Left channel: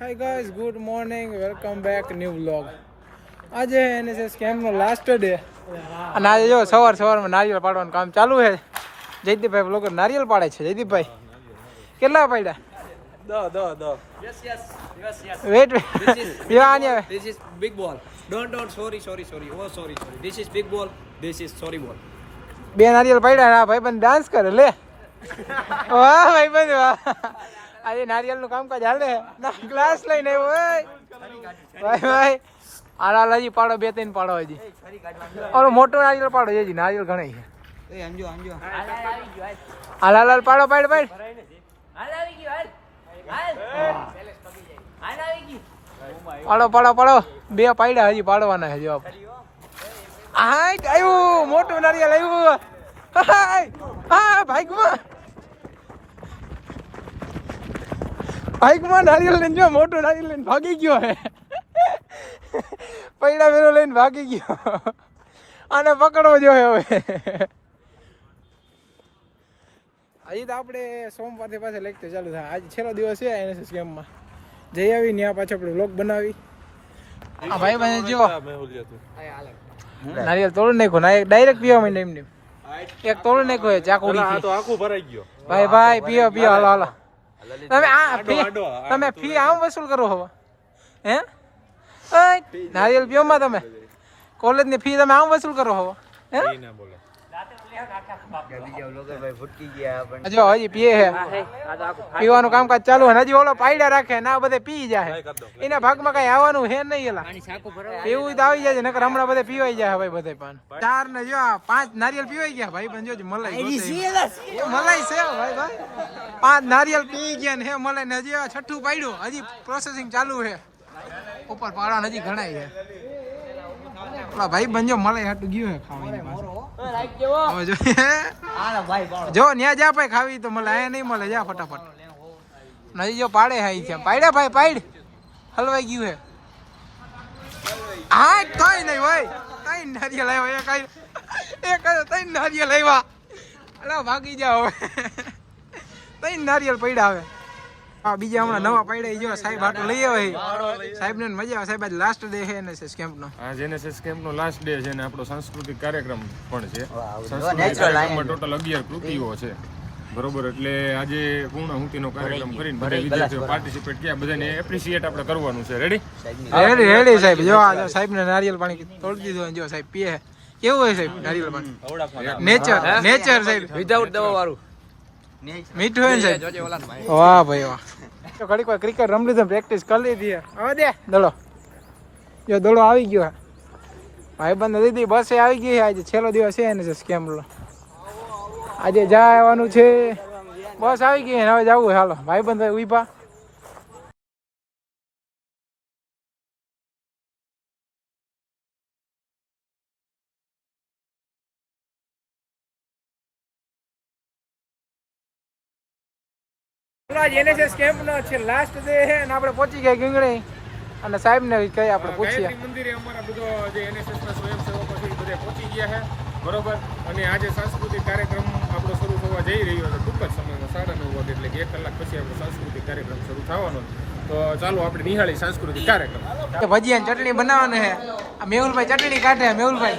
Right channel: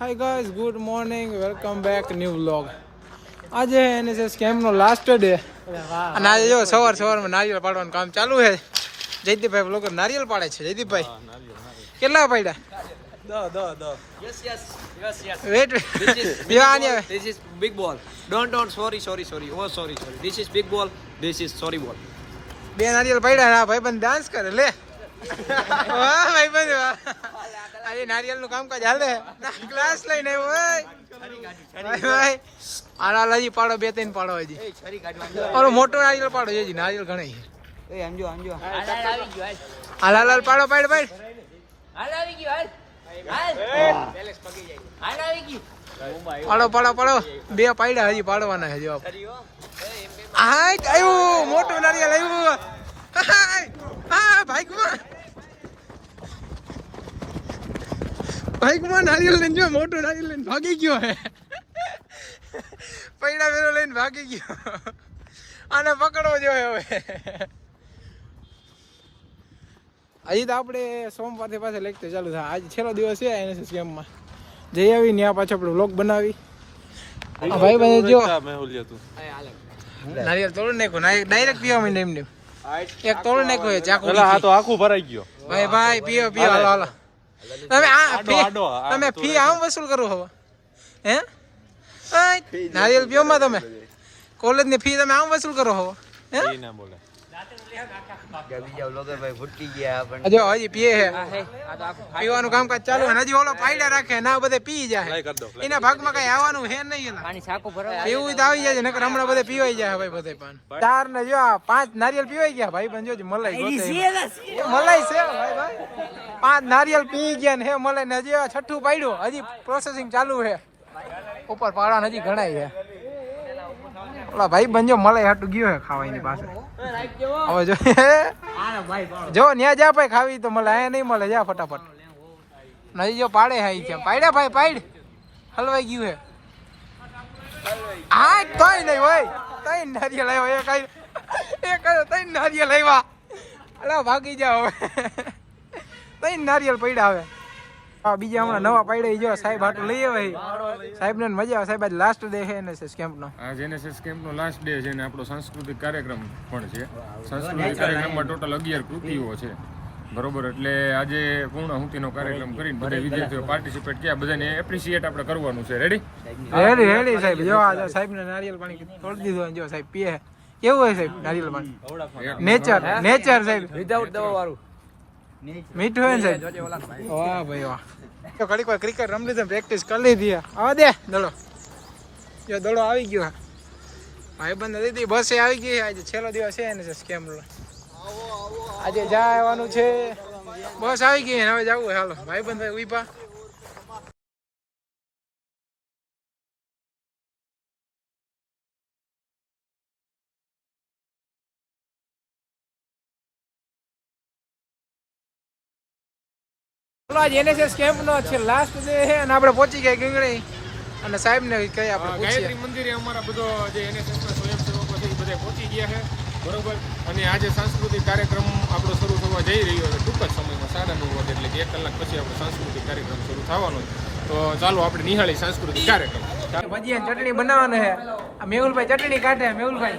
હાય guys, good morning, welcome back new vlog. આજે NSS કેમ્પનો last day અને આજે જો સવારમાં નારિયેળ પાડવાનું કામ ચાલુ છે. જયદીપભાઈ બ્લોગર નારિયેળ પાડે છે. જયદીપભાઈ કેટલા પાડ્યા? Yes. Wait This is big ball. Don't. Sorry. Oh, sorry. This is big ball. This is sorry ball. બે નારિયેળ પાડ્યા. ભાઈબંધ ડાન્સ કરે લે. વાહ ભાઈબંધ વાહ. આજે નારિયેળનું કામકાજ હાલે. ક્લાસ લઈને આવ્યો ભાઈ. આલાજી પાડો, 2-3 પાડો હજી. ઓલો મોટો નારિયેળ પાડો હજી. નારિયેળ ઘણા છે. હાલ પાડો પાડ. પાડો. 2 પાડ્યા હજી પાડવાના છે જવાબ. આવ્યું મોટું નારિયેળ આવ્યું. હા બાઈકમાં નારિયેળ લઈને જો, મોટું નારિયેળ લઈને ભાગી ગયો હે. પૈડા વેલો લઈને ભાગી ગયો. આને પકડવો જોઈએ હવે. હજી તો આપણે સોમવારથી પાસે લેક્ચર ચાલુ થાય. આજે છેલ્લો દિવસ છે એનએસએસ કેમ્પમાં. જઈ આવી ત્યાં પાછો આપણે વ્લોગ બનાવી. હા ભાઈ બને જો નારિયેળ તોડી નાખ્યો ના, ડાયરેક્ટ પીવા માંડે એમને. એક તોડી નાખ્યો ચાકુડી તો આખું ભરાઈ ગયો. ભાઈ પીઓ હાલો. તમે ફી આમ વસૂલ કરો હવે હે? નારિયેળ પીઓમાં તમે કોલેજની ફી તમે આમ વસૂલ કરો હવે હે? જો હજી પીએ હે, પીવાનું કામકાજ ચાલુ હે. હજી ઓલો પાયડા રાખે ના, બધે પી જાય. એના ભાગમાં કઈ આવવાનું હે નહીં. એલા પીવું તો આવી જાય, નકર હમણાં બધે પીવાઈ જાય ભાઈ. બધે પાન 4 ને જો 5 નારિયેળ પીવાઈ ગયા ભાઈ. પણ જોજો મલાઈ મલાઈ છે ભાઈ. 5 નારિયેળ પી ગયા ને હે મલાઈ ને. હજી 6ઠું પાડ્યું, હજી પ્રોસેસિંગ ચાલુ છે. ઉપર પાડવાનું હજી ઘણાય છે. ઓલા ભાઈ બંજો મલાઈ હાટું ગયો હે ખાવા એની પાસે. હવે જો ન્યા જા ભાઈ, ખાવી તો મળે, અહીંયા નહીં મળે. જા ફટાફટ. નહીં જો પાડે હા છે. પાડ્યા ભાઈ પાડ. હલવાઈ ગયું હે. હા તઈ નહીં હોય. 3 નારિયેળ આવ્યા. એક 3 નારિયેળ આવ્યા. અલા ભાગી જાઓ હવે. 3 નારિયેળ પડ્યા હવે. હા બીજા હમણાં નવા પાડ્યા. જો સાહેબ હાટું લઈ આવે. સાહેબ ને મજા આવે. સાહેબ આજ લાસ્ટ ડે છે એનએસએસ કેમ્પનો. આજ એનએસએસ કેમ્પનો લાસ્ટ ડે છે ને આપણો સાંસ્કૃતિક કાર્યક્રમ પણ છે. સાંસ્કૃતિક કાર્યક્રમમાં ટોટલ 11 કૃતિઓ છે, બરોબર. એટલે આજે પૂર્ણાહુતિનો કાર્યક્રમ કરીને બધા વિદ્યાર્થીઓ પાર્ટિસિપેટ કર્યા. બધાને એપ્રિશિએટ આપણે કરવાનું છે. રેડી સાહેબ. જો આ સાહેબ ને નારિયેળ પાણી તોડી દીધું. જો સાહેબ પીએ. કેવું હોય સાહેબ નારિયેળ પાણી? નેચર સાહેબ, વિધાઉટ દવા વાળું. મીઠું હોય ને સાહેબ. વાહ ભાઈ વાહ. તો ઘડીક વાર ક્રિકેટ રમી લીધું, પ્રેક્ટિસ કરી લીધી. આવા દે દડો. જો દડો આવી ગયો. ભાઈબંધ દીદી બસે આવી ગઈ. આજે છેલ્લો દિવસ છે ને કેમ્પનો. આજે જવાનું છે. બસ આવી ગઈ હવે જવું. હાલો ભાઈબંધ ઉભા. એનએસએસ કેમ્પનો છે લાસ્ટ ડે છે અને આપણે પહોંચી ગયા ગીંગણી. અને સાહેબ ને કઈ આપણે પૂછીએ. ગાયત્રી મંદિરે અમારા બધો જે એનએસએસ ના સ્વયંસેવકો છે એ બધા પહોંચી ગયા છે, બરોબર. અને આજે સાંસ્કૃતિક કાર્યક્રમ આપણો શરૂ થવા જઈ રહ્યો છે ટૂંક જ સમયમાં 9:30 વાગે. એટલે કે 1 કલાક પછી આપણો સાંસ્કૃતિક કાર્યક્રમ શરૂ થવાનો છે. તો ચાલો આપણે નિહાળી સાંસ્કૃતિક કાર્યક્રમ. ભજીયા ચટણી બનાવવાનું છે. આ મેહુલભાઈ ચટણી કાઢે. મેહુલભાઈ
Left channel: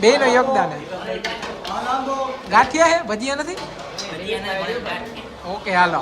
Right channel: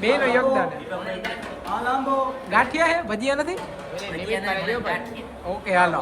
બે નો યોગદાન છે. ગાંઠિયા હે, ભજીયા નથી. ઓકે હાલો.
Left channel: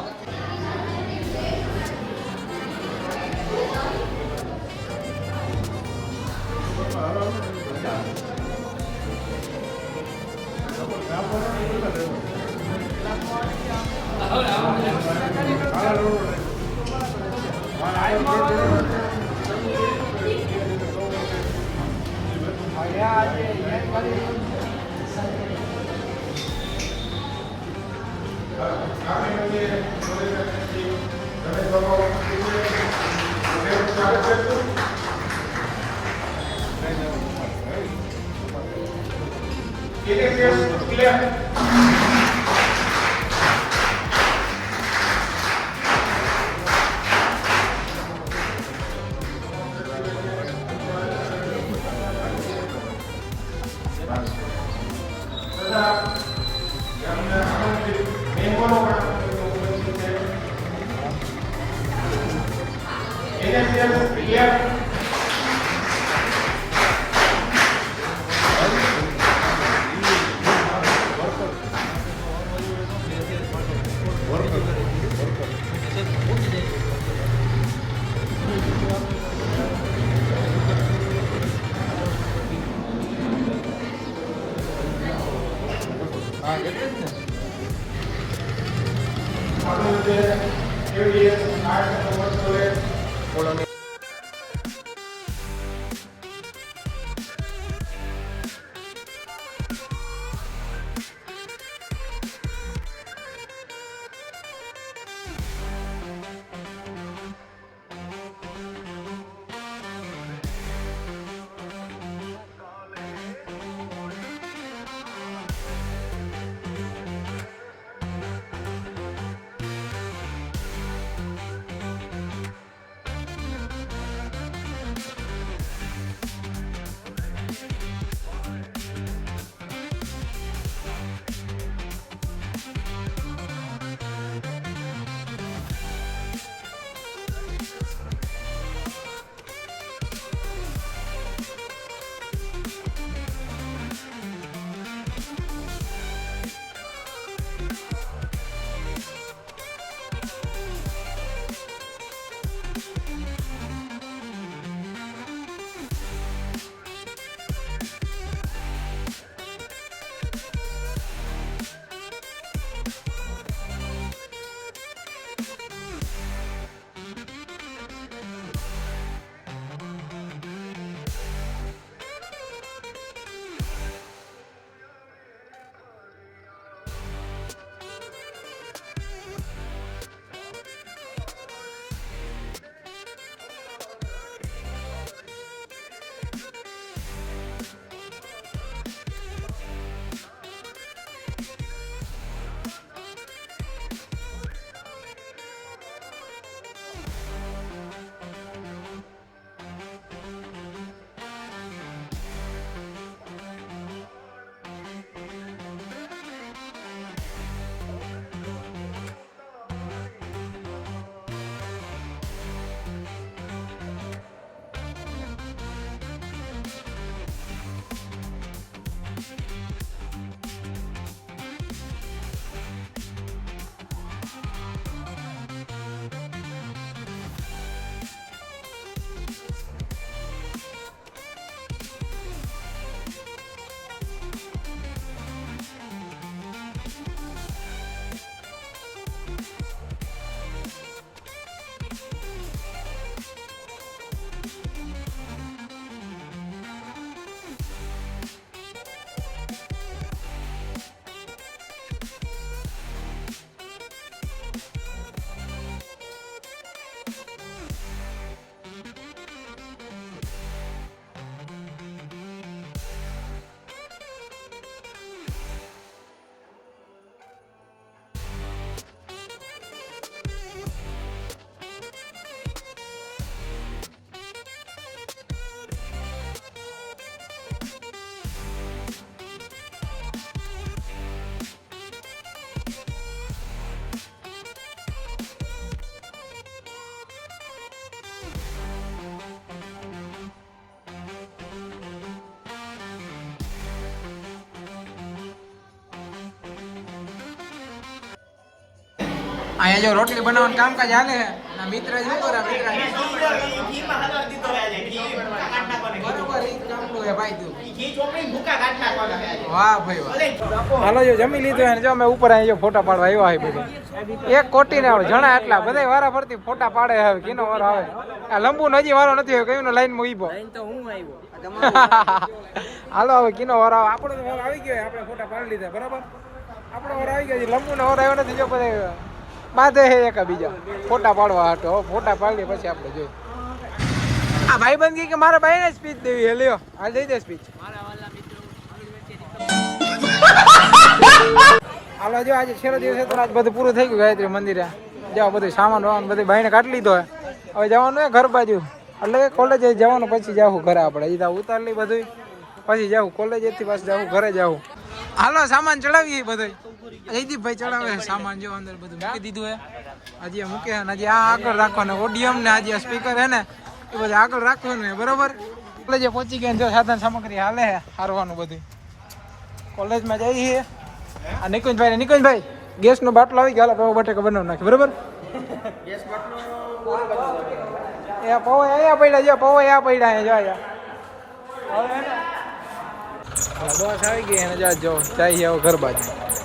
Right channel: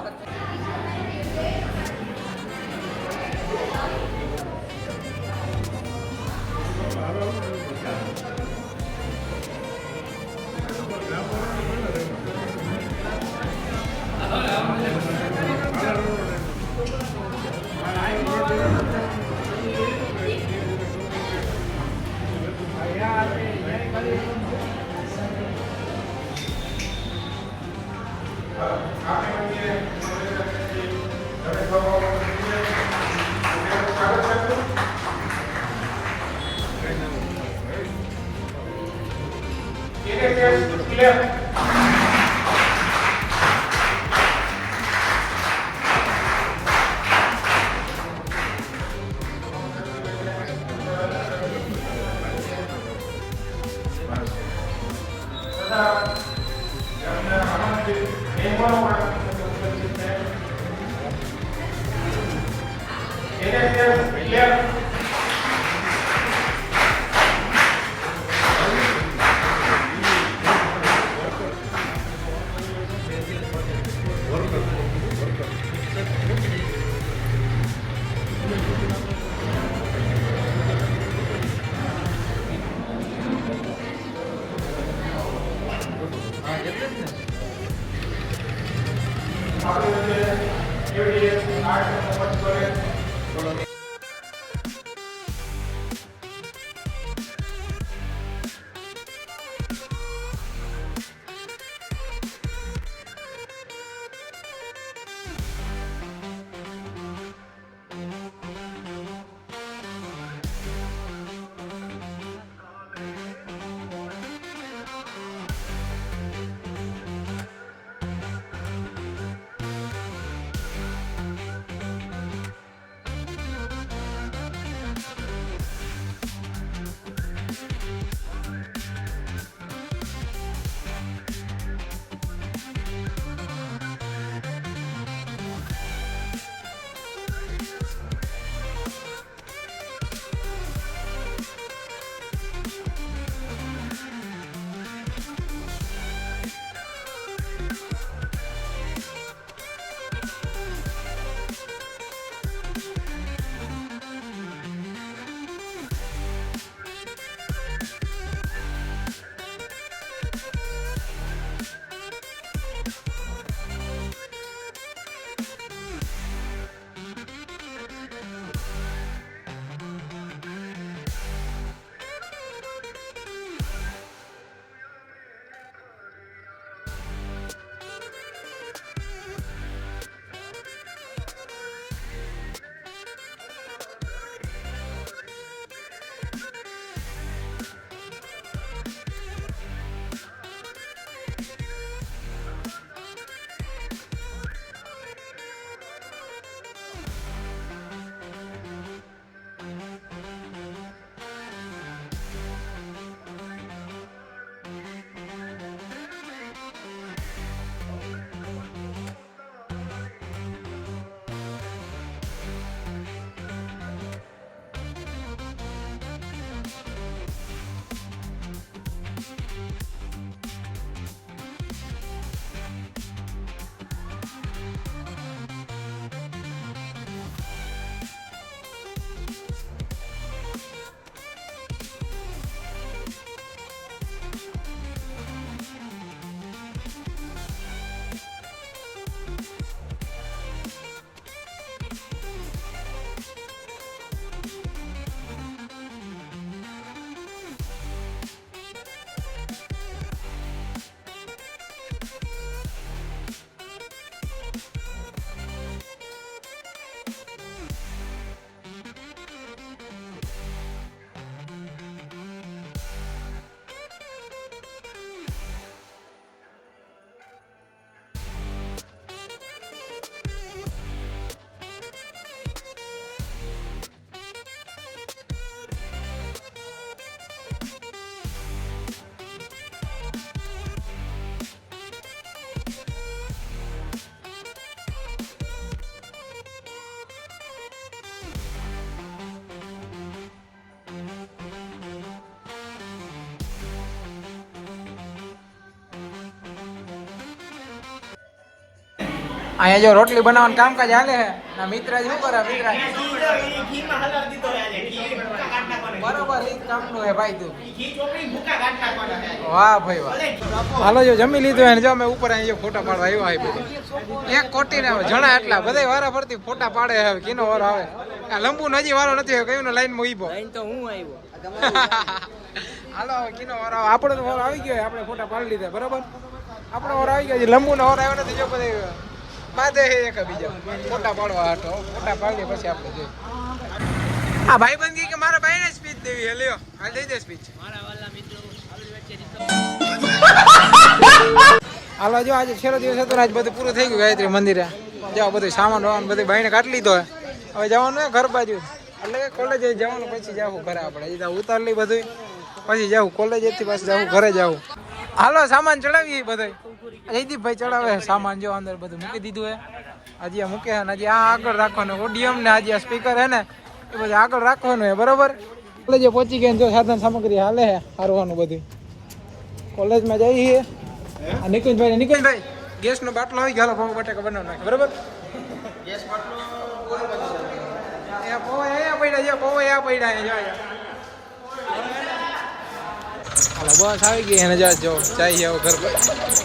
અહીંયા જો રોટલી બનાવવાનું કામકાજ હાલે છે ના મિત્ર શું કરે મિત્ર બરોબર એ કામનું હે ભાઈ તું વાહ ભાઈ વાહ હાલો જો જમી લીધું એને જો અમે ઉપર અહીંયા ફોટા પાડવા આવ્યા હોય બધે એક કોટી ને આવે જણા એટલા બધા વારા ફરતી ફોટા પાડે હવે કિનો વારો આવે આ લંબુ નજી વારો નથી આવ્યો કયું લાઈન માં ઈબો તો હું આવ્યો હાલો હવે કિનો વારો આવે આપણે તો વારો આવી ગયો આપણે ફોટા પાડી લીધા બરાબર આપણો વારો આવી ગયો લંબુ નો વારો આવ્યો નથી જો બધા બાધે હે એક બીજા ફોટા પાડવા હતો ફોટા પાડીએ પછી આપણે જોઈએ આ ભાઈબંધ કે મારા ભાઈને સ્પીચ દેવી હે લ્યો આ દઈ દે સ્પીચ મારા વાલા મિત્રો હાલો જો આજે છેલ્લો દિવસ હતો ને આજ બધું પૂરું થઈ ગયું ગાયત્રી મંદિરે જાઓ બધું સામાન વામાન બધું ભાઈને કાઢી લીધો હવે જવાનું હે ઘર બાજુ એટલે કોલેજ જવાનું પછી જાવું ઘરે આપણે એ ઉતાર લઈ બધું પછી જાવું કોલેજથી પાછું જાવું ઘરે જાવું હાલો સામાન ચડાવીએ બધું જયદીપભાઈ ચડાવે સામાન જો અંદર બધું મૂકી દીધું હે હજી મૂકે છે ને હજી આ આગળ રાખવાનું ઓડિયમ ને હજી આ સ્પીકર હે ને એ બધું આગળ રાખવાનું હે બરોબર. કોલેજે પહોંચી ગયા જો સાધન સામગ્રી હાલે હે હારવાનું બધું. કોલેજમાં જઈએ છીએ. આ નિકુંજભાઈ ગેસનો બાટલો આવી ગયો, પૌવા બટેકા બનાવી નાખી બરોબર. ગેસ બાટલો એ પૌવા અહીંયા પડ્યા છે, પૌવા અહીંયા પડ્યા છે જો અહીંયા. બસ આવી ગઈ ને જો જાય આવો ઘર બાજુ.